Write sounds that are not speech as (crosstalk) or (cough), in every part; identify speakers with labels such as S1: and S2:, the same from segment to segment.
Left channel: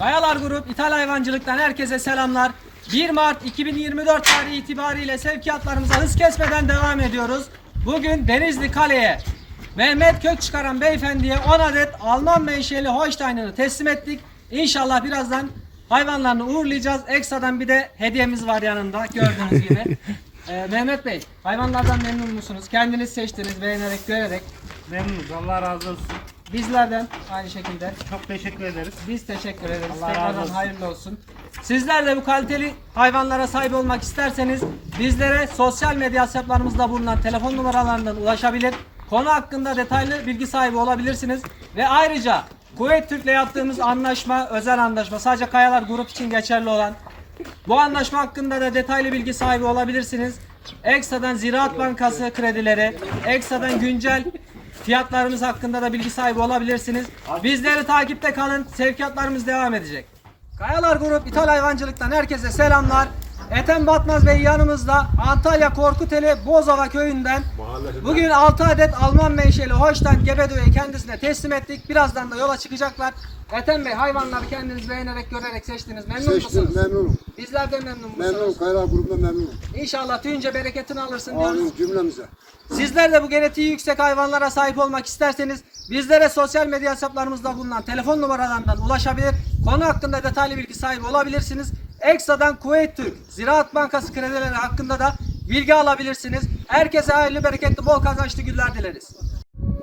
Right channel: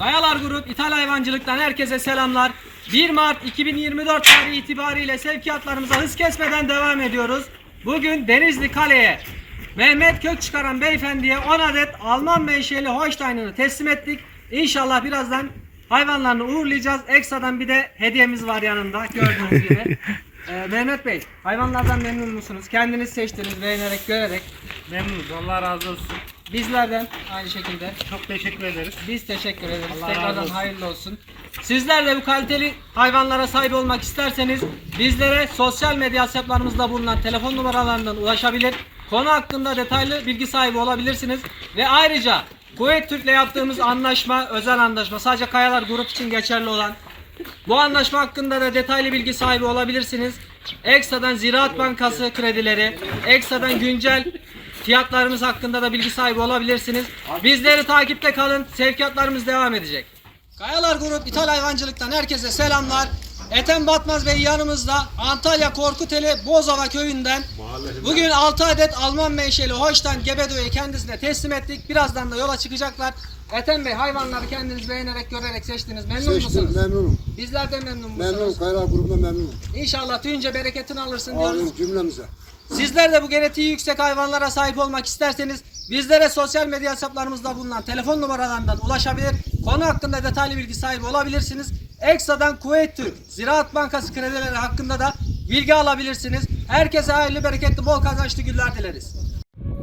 S1: Kayalar Grup İthal Hayvancılık'tan herkese selamlar. 1 Mart 2024 tarihi itibariyle sevkiyatlarımıza hız kesmeden devam ediyoruz. Bugün Denizli Kale'ye Mehmet Kök çıkaran beyefendiye 10 adet Alman menşeli Holstein'ını teslim ettik. İnşallah birazdan hayvanlarını uğurlayacağız. Ekstradan bir de hediyemiz var yanında gördüğünüz gibi. (laughs) Ee, Mehmet Bey, hayvanlardan memnun musunuz? Kendiniz seçtiniz, beğenerek, görerek.
S2: Memnunuz. Allah razı olsun.
S1: Bizlerden aynı şekilde.
S2: Çok teşekkür ederiz.
S1: Biz teşekkür ederiz.
S2: Allah razı
S1: Tekrardan
S2: olsun.
S1: hayırlı olsun. Sizler de bu kaliteli hayvanlara sahip olmak isterseniz bizlere sosyal medya hesaplarımızda bulunan telefon numaralarından ulaşabilir. Konu hakkında detaylı bilgi sahibi olabilirsiniz. Ve ayrıca Kuveyt Türk'le yaptığımız anlaşma, özel anlaşma sadece Kayalar Grup için geçerli olan bu anlaşma hakkında da detaylı bilgi sahibi olabilirsiniz. Ekstradan Ziraat Bankası kredileri, ekstradan güncel fiyatlarımız hakkında da bilgi sahibi olabilirsiniz. Bizleri takipte kalın. Sevkiyatlarımız devam edecek. Kayalar Grup İthal Hayvancılık'tan herkese selamlar. Ethem Batmaz Bey yanımızda Antalya Korkuteli Bozova köyünden bugün 6 adet Alman menşeli Holstein Gebedo'yu kendisine teslim ettik. Birazdan da yola çıkacaklar. Ethem Bey hayvanları kendiniz beğenerek görerek seçtiniz. Memnun
S3: Seçtim,
S1: musunuz?
S3: memnunum.
S1: Bizler de memnun musunuz?
S3: Memnunum, Kayra grubundan memnunum.
S1: İnşallah tüyünce bereketini alırsın diyoruz.
S3: Amin cümlemize.
S1: Sizler de bu genetiği yüksek hayvanlara sahip olmak isterseniz bizlere sosyal medya hesaplarımızda bulunan telefon numaralarından ulaşabilir. Konu hakkında detaylı bilgi sahibi olabilirsiniz. Ekstradan Kuveyt Türk Ziraat Bankası kredileri hakkında da bilgi alabilirsiniz. Herkese hayırlı, bereketli, bol kazançlı günler dileriz.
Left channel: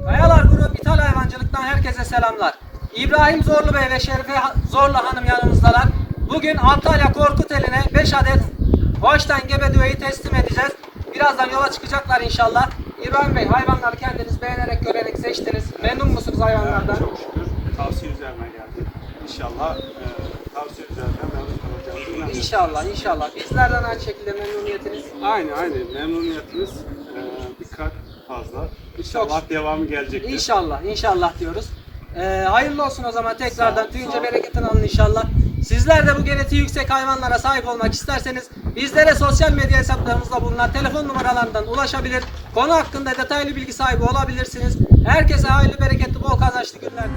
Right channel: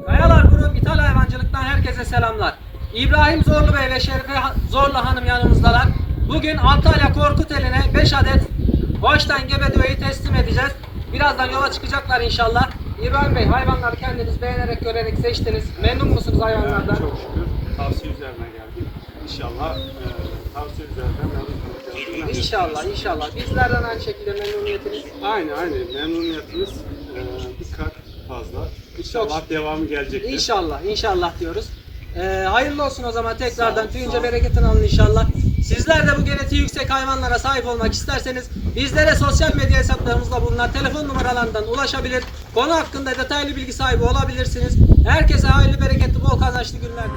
S1: Kayalar Grup İthal Hayvancılık'tan herkese selamlar. İbrahim Zorlu Bey ve Şerife Zorlu Hanım yanımızdalar. Bugün Antalya Korkuteli'ne 5 adet Holstein Gebedo'yu teslim edeceğiz. Birazdan yola çıkacaklar inşallah. İbrahim Bey hayvanları kendiniz beğenerek görerek seçtiniz. Memnun musunuz hayvanlardan?
S2: Çok şükür tavsiye üzerine geldik. İnşallah e, tavsiye üzerinden memnun kalacağız. İnanıyorum.
S1: İnşallah inşallah. Bizlerden aynı şekilde memnuniyetiniz.
S2: Aynı aynı memnuniyetimiz e, bir kat fazla. İnşallah devamı gelecektir.
S1: İnşallah, inşallah diyoruz. Ee, hayırlı olsun o zaman
S2: Sağ
S1: tekrardan
S2: ol,
S1: tüyünce
S2: sağ ol.
S1: bereketini alın inşallah. Sizler de bu genetiği yüksek hayvanlara sahip olmak isterseniz bizlere sosyal medya hesaplarımızda bulunan telefon numaralarından ulaşabilir. Konu hakkında detaylı bilgi sahibi olabilirsiniz. Herkese hayırlı, bereketli, bol kazançlı günler.